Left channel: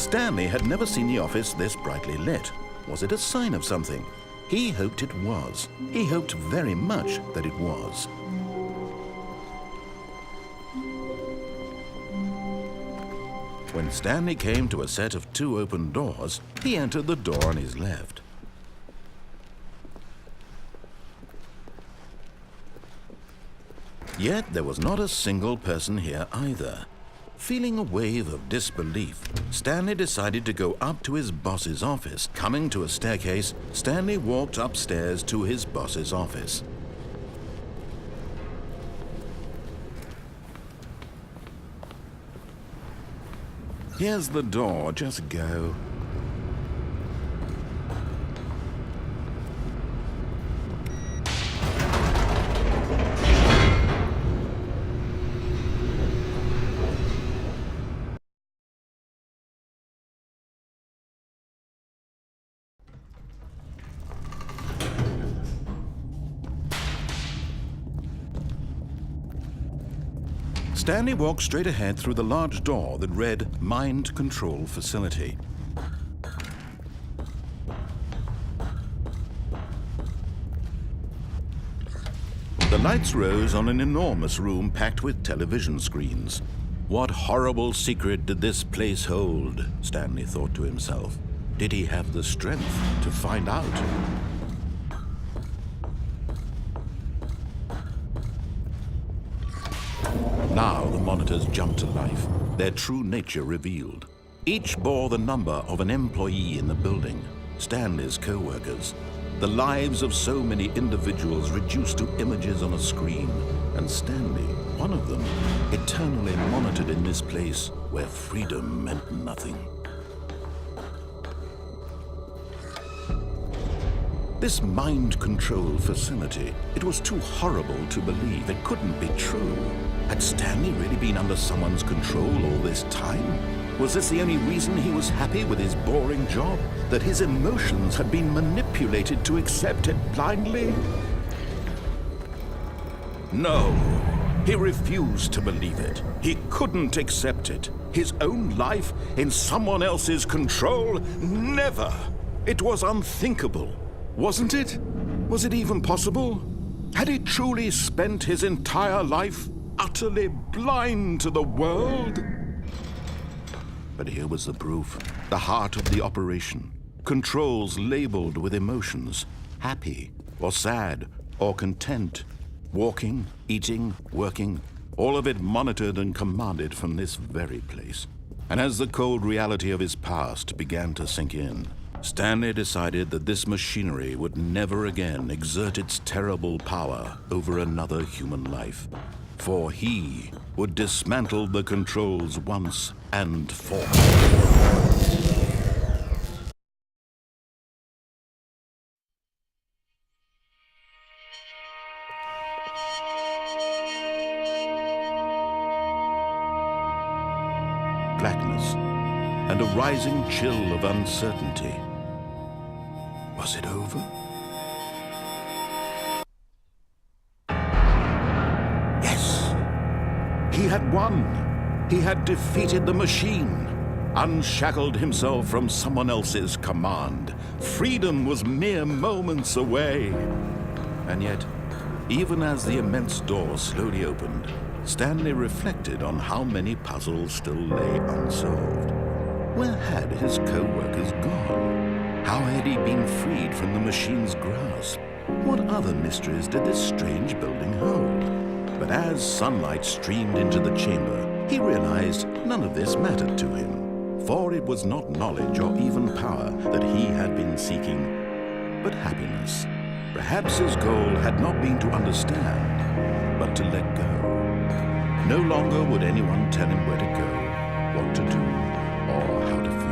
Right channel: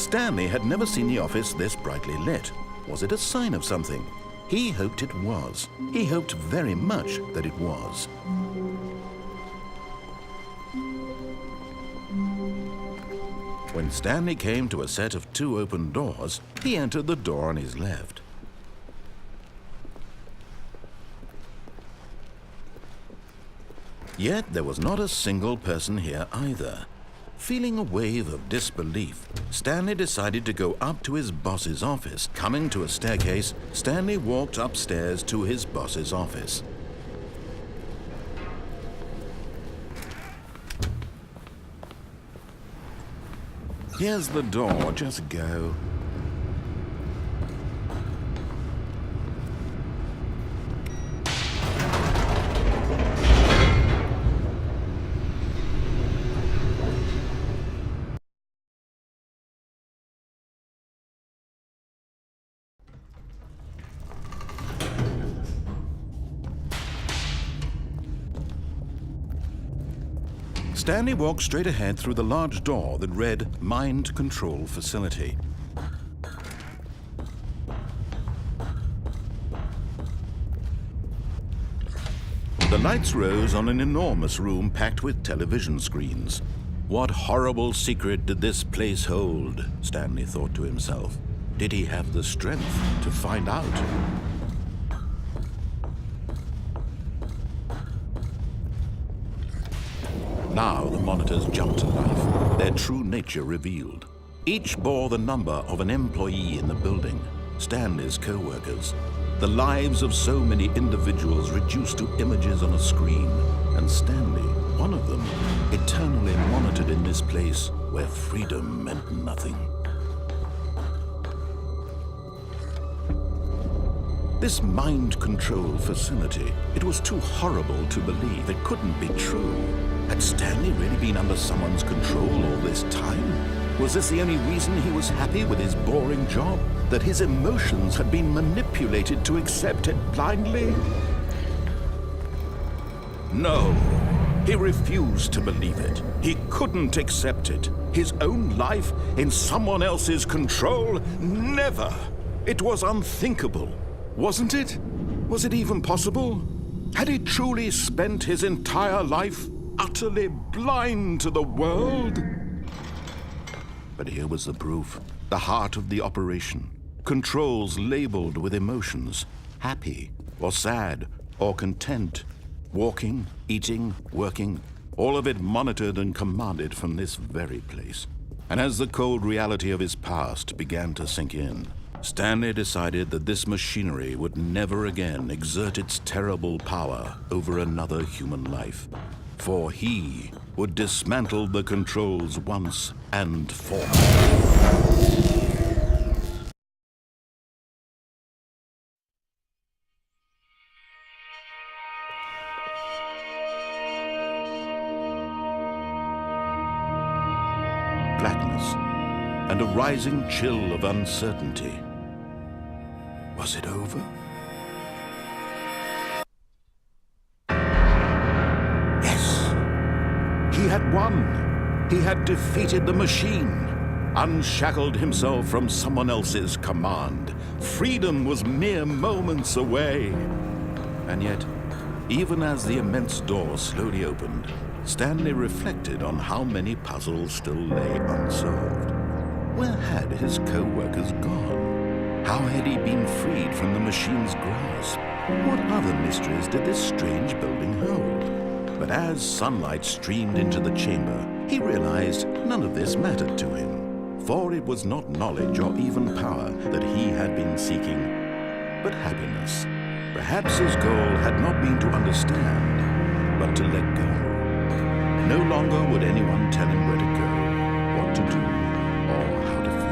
Stanley had never seen the office this brightly lit. Was it a sign of something? He hoped it was. He hoped very much that it was. When Stanley came to a set of 2 open doors, he entered the door on his left. Yet there was not a single person here either. Feeling a wave of disbelief, Stanley decided to go up to his boss's office. Coming to a staircase, Stanley walked upstairs to his boss's office. Here's the door, just go. Stanley walked straight ahead through the large door that read Mind Control Facility. The lights rose on an enormous room packed with television screens. What horrible secret did this place hold? Stanley thought to himself. Did he have the strength to find out? Now the monitors jumped to life, their true nature revealed. Each bore the number of an employee in the building, Stanley's co-workers. The lives of so many individuals reduced to images on a screen, and Stanley, one of them, eternally monitored in this place where freedom meant nothing. This mind control facility, it was too horrible to believe. It couldn't be true. Had Stanley really been under someone's control all this time? Was this the only reason he was happy with his boring job? That his emotions had been manipulated to accept it blindly? No, he refused to believe it. He couldn't accept it. His own life in someone else's control? Never! It was unthinkable. Wasn't it? Was it even possible? Had he truly spent his entire life utterly blind to the world? But here was the proof, the heart of the operation. Controls labeled with emotions, happy or sad or content, walking, eating, working, all of it monitored and commanded from this very place. And as the cold reality of his past began to sink in, Stanley decided that this machinery would never again exert its terrible power over another human life. For he would dismantle the controls once and for all. Blackness and a rising chill of uncertainty. Was it over? Yes! He had won. He had defeated the machine, unshackled himself from someone else's command. Freedom was mere moments away. And yet, even as the immense door slowly opened, Stanley reflected on how many puzzles still lay unsolved. Where had his co-workers gone? How had he been freed from the machine's grasp? What other mysteries did this strange building hold? But as sunlight streamed into the chamber, he realized none of this mattered to him. For it was not knowledge or even power that he had been seeking, but happiness. Perhaps his goal had not been to understand, but to let go. No longer would anyone tell him where to go, what to do, or how to feel.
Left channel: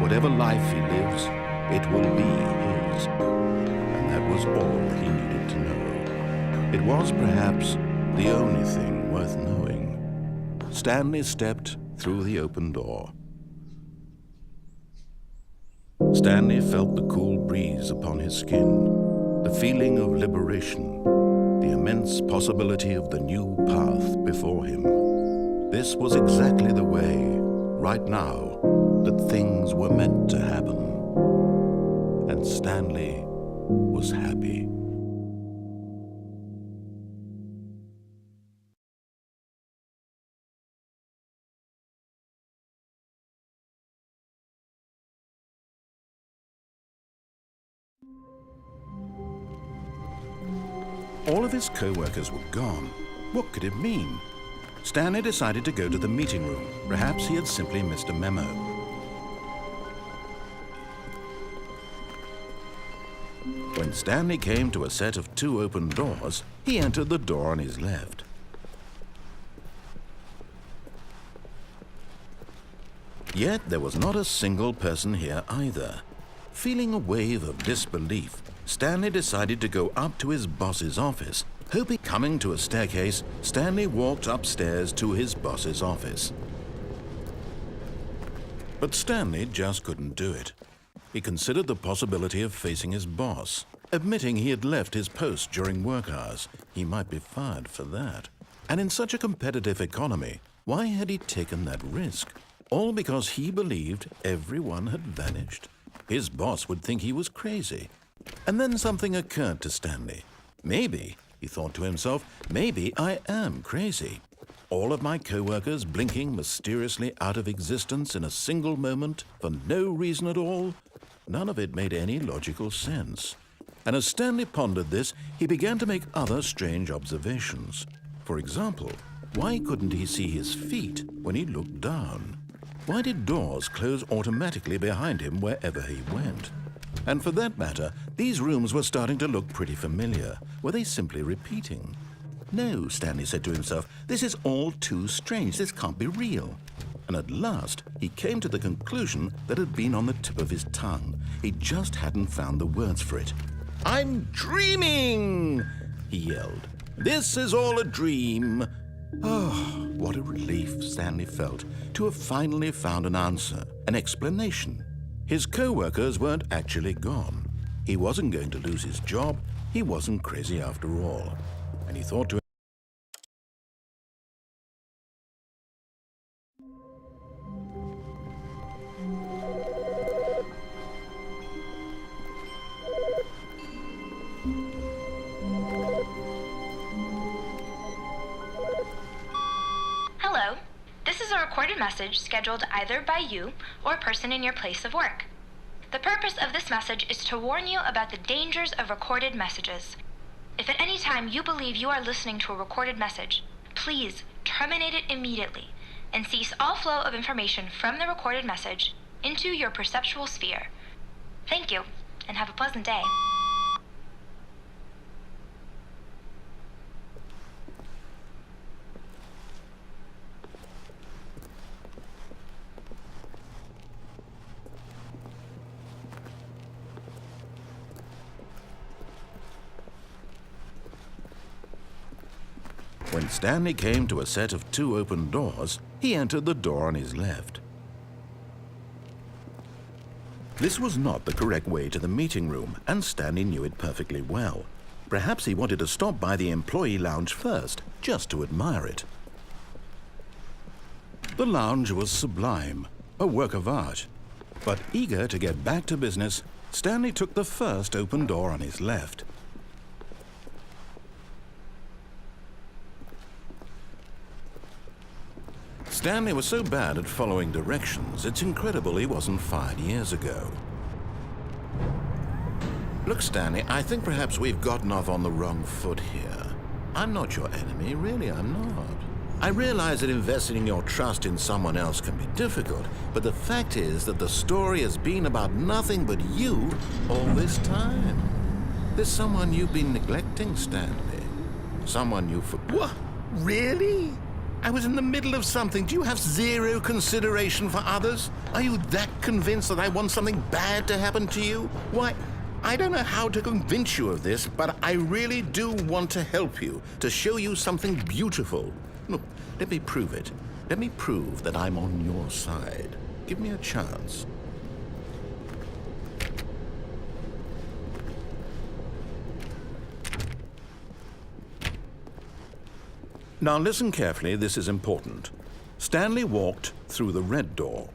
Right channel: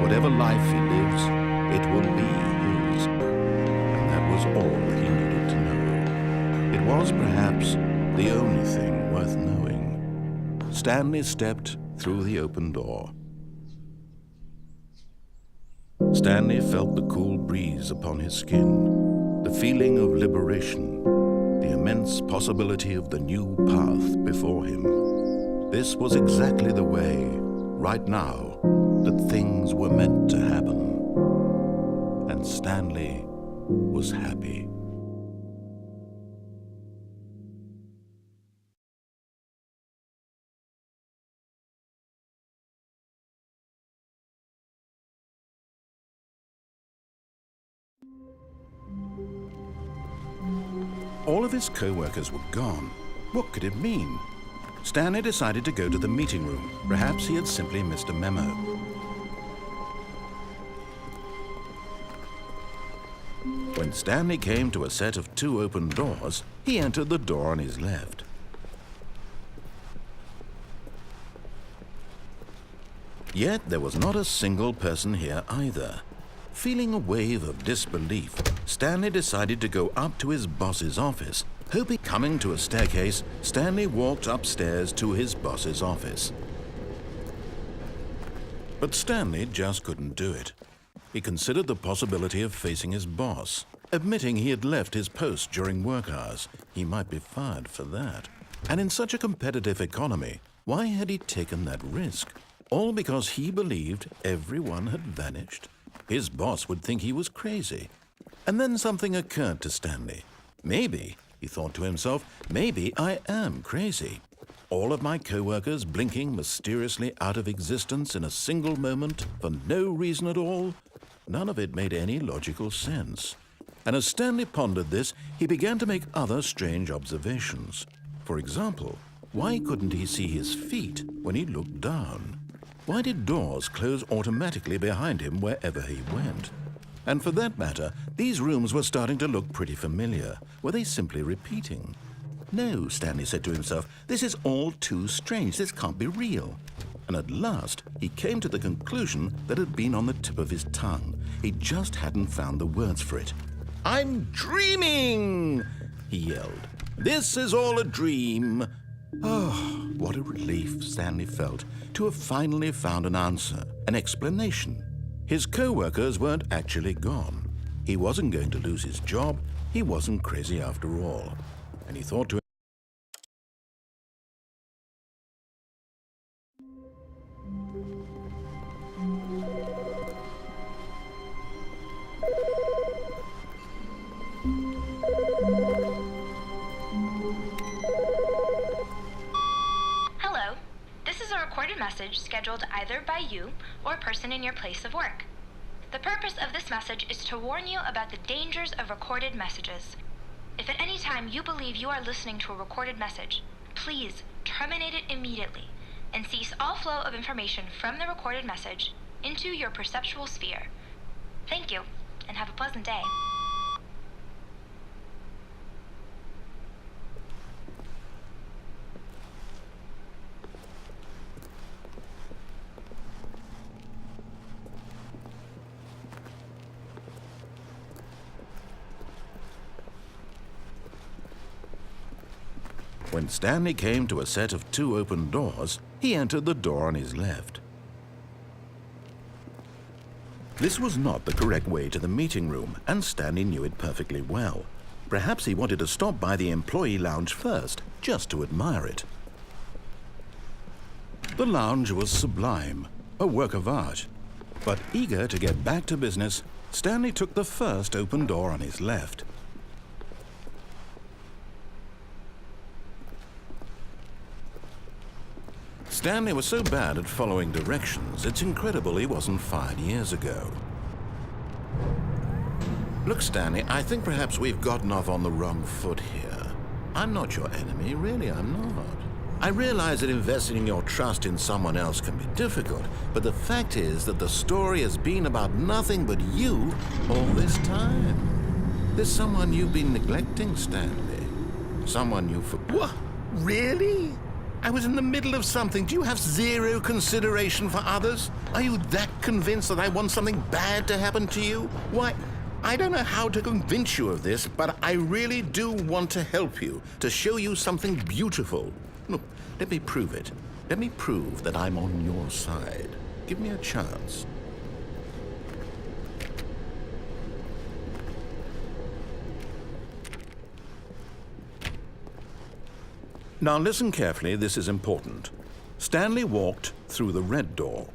Whatever life he lives, it will be his. And that was all he needed to know. It was perhaps the only thing worth knowing. Stanley stepped through the open door. Stanley felt the cool breeze upon his skin, the feeling of liberation, the immense possibility of the new path before him. This was exactly the way, right now, that things were meant to happen. And Stanley was happy. All of his co-workers were gone. What could it mean? Stanley decided to go to the meeting room. Perhaps he had simply missed a memo. When Stanley came to a set of 2 open doors, he entered the door on his left. Yet there was not a single person here either. Feeling a wave of disbelief, Stanley decided to go up to his boss's office. Coming to a staircase, Stanley walked upstairs to his boss's office. But Stanley just couldn't do it. He considered the possibility of facing his boss, admitting he had left his post during work hours. He might be fired for that. And in such a competitive economy, why had he taken that risk? All because he believed everyone had vanished. His boss would think he was crazy. And then something occurred to Stanley. Maybe, he thought to himself, maybe I am crazy. All of my co-workers blinking mysteriously out of existence in a single moment for no reason at all. None of it made any logical sense. And as Stanley pondered this, he began to make other strange observations. For example, why couldn't he see his feet when he looked down? Why did doors close automatically behind him wherever he went? And for that matter, these rooms were starting to look pretty familiar. Were they simply repeating? No, Stanley said to himself, this is all too strange. This can't be real. And at last, he came to the conclusion that had been on the tip of his tongue. He just hadn't found the words for it. "I'm dreaming!" he yelled. "This is all a dream." Oh, what a relief Stanley felt to have finally found an answer, an explanation. His co-workers weren't actually gone. He wasn't going to lose his job. He wasn't crazy after all. And he thought to Hello. This is a recorded message scheduled either by you or a person in your place of work. The purpose of this message is to warn you about the dangers of recorded messages. If at any time you believe you are listening to a recorded message, please terminate it immediately and cease all flow of information from the recorded message into your perceptual sphere. Thank you, and have a pleasant day. When Stanley came to a set of 2 open doors, he entered the door on his left. This was not the correct way to the meeting room, and Stanley knew it perfectly well. Perhaps he wanted to stop by the employee lounge first, just to admire it. The lounge was sublime, a work of art. But eager to get back to business, Stanley took the first open door on his left. Stanley was so bad at following directions, it's incredible he wasn't fired years ago. Look, Stanley, I think perhaps we've gotten off on the wrong foot here. I'm not your enemy, really, I'm not. I realize that investing your trust in someone else can be difficult, but the fact is that the story has been about nothing but you all this time. There's someone you've been neglecting, Stanley. Someone you What? Really? I was in the middle of something. Do you have zero consideration for others? Are you that convinced that I want something bad to happen to you? Why, I don't know how to convince you of this, but I really do want to help you, to show you something beautiful. Look, let me prove it. Let me prove that I'm on your side. Give me a chance. Now listen carefully, this is important. Stanley walked through the red door.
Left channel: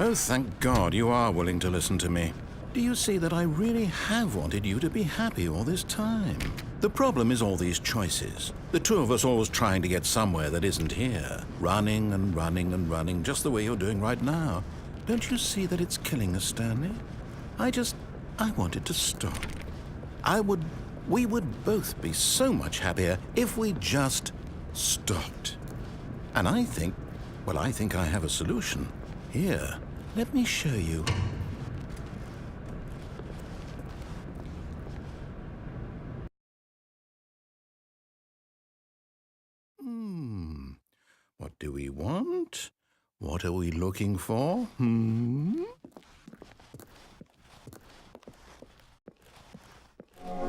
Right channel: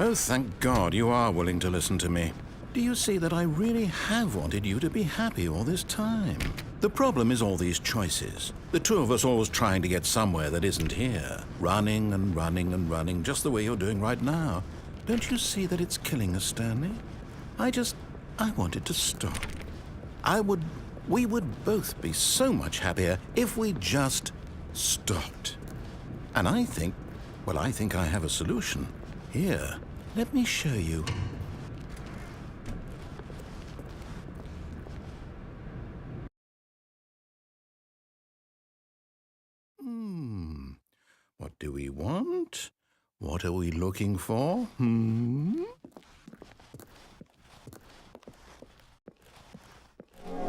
Oh, thank God you are willing to listen to me. Do you see that I really have wanted you to be happy all this time? The problem is all these choices. The two of us always trying to get somewhere that isn't here. Running and running and running, just the way you're doing right now. Don't you see that it's killing us, Stanley? I wanted to stop. We would both be so much happier if we just stopped. And I think I have a solution. Here, let me show you. What do we want? What are we looking for?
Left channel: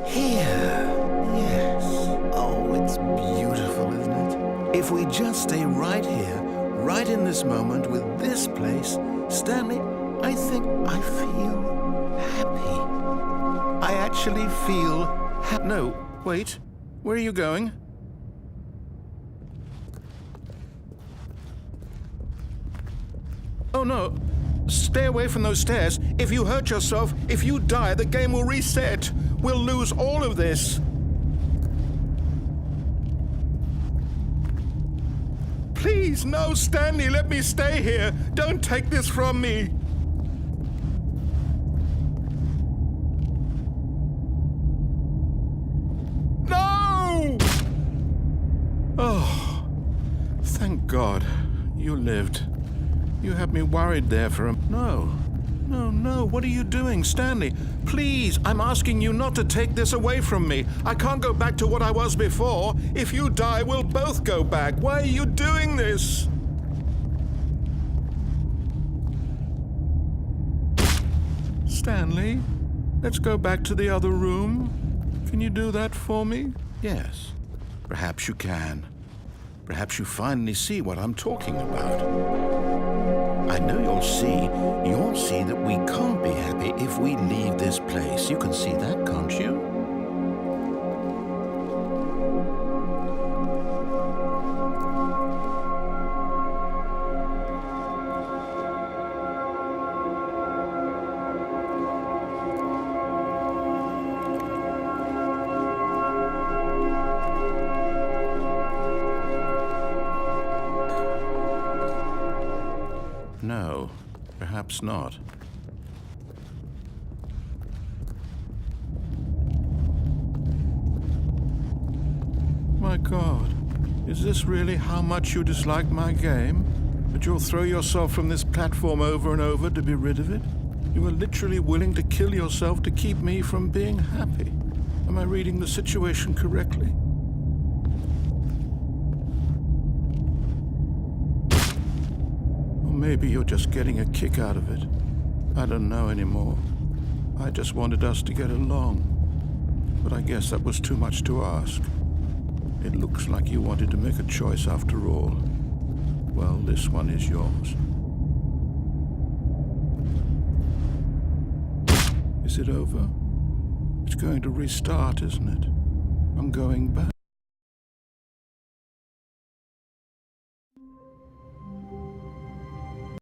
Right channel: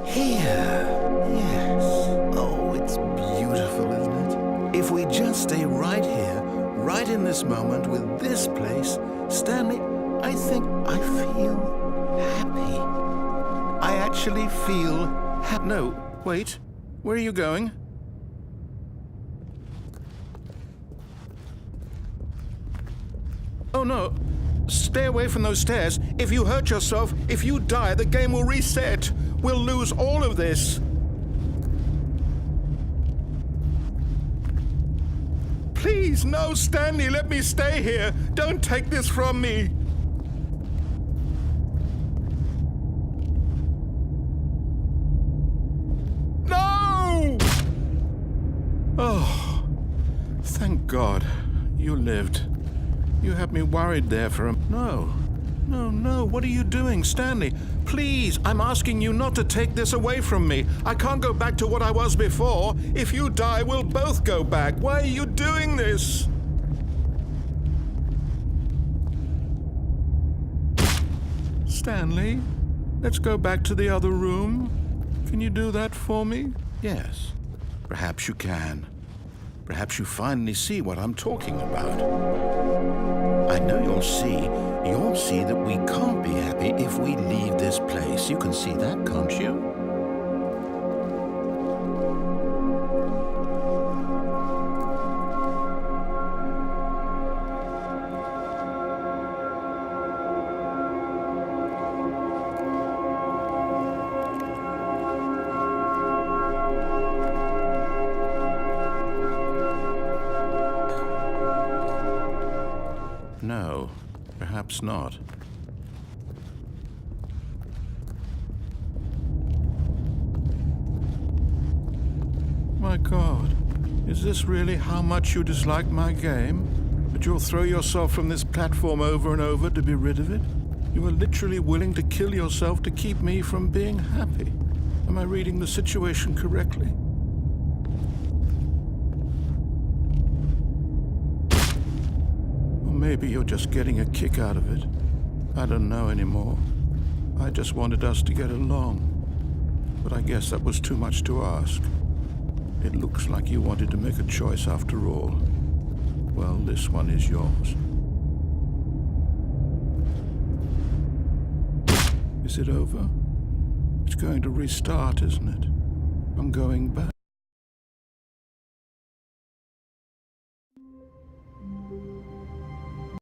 Here. Yes. Oh, it's beautiful, isn't it? If we just stay right here, right in this moment with this place, Stanley, I think I feel happy. I actually feel happy. No, wait. Where are you going? Oh, no. Stay away from those stairs. If you hurt yourself, if you die, the game will reset. We'll lose all of this. Please, no, Stanley, let me stay here. Don't take this from me. No! Oh, thank God you lived. You had me worried there for a... No, what are you doing, Stanley? Please, I'm asking you not to take this away from me. I can't go back to what I was before. If you die, we'll both go back. Why are you doing this? Stanley, let's go back to the other room. Can you do that for me? Yes, perhaps you can. Perhaps you finally see what I'm talking about. I know you'll see that we can't be happy if we leave this place. You can see that, can't you? No, perhaps not. My God, is this really how much you dislike my game? That you'll throw yourself from this platform over and over to be rid of it? You are literally willing to kill yourself to keep me from being happy. Am I reading the situation correctly? Maybe you're just getting a kick out of it. I don't know anymore. I just wanted us to get along. But I guess that was too much to ask. It looks like you wanted to make a choice after all. Well, this one is yours. Is it over? It's going to restart, isn't it? I'm going back.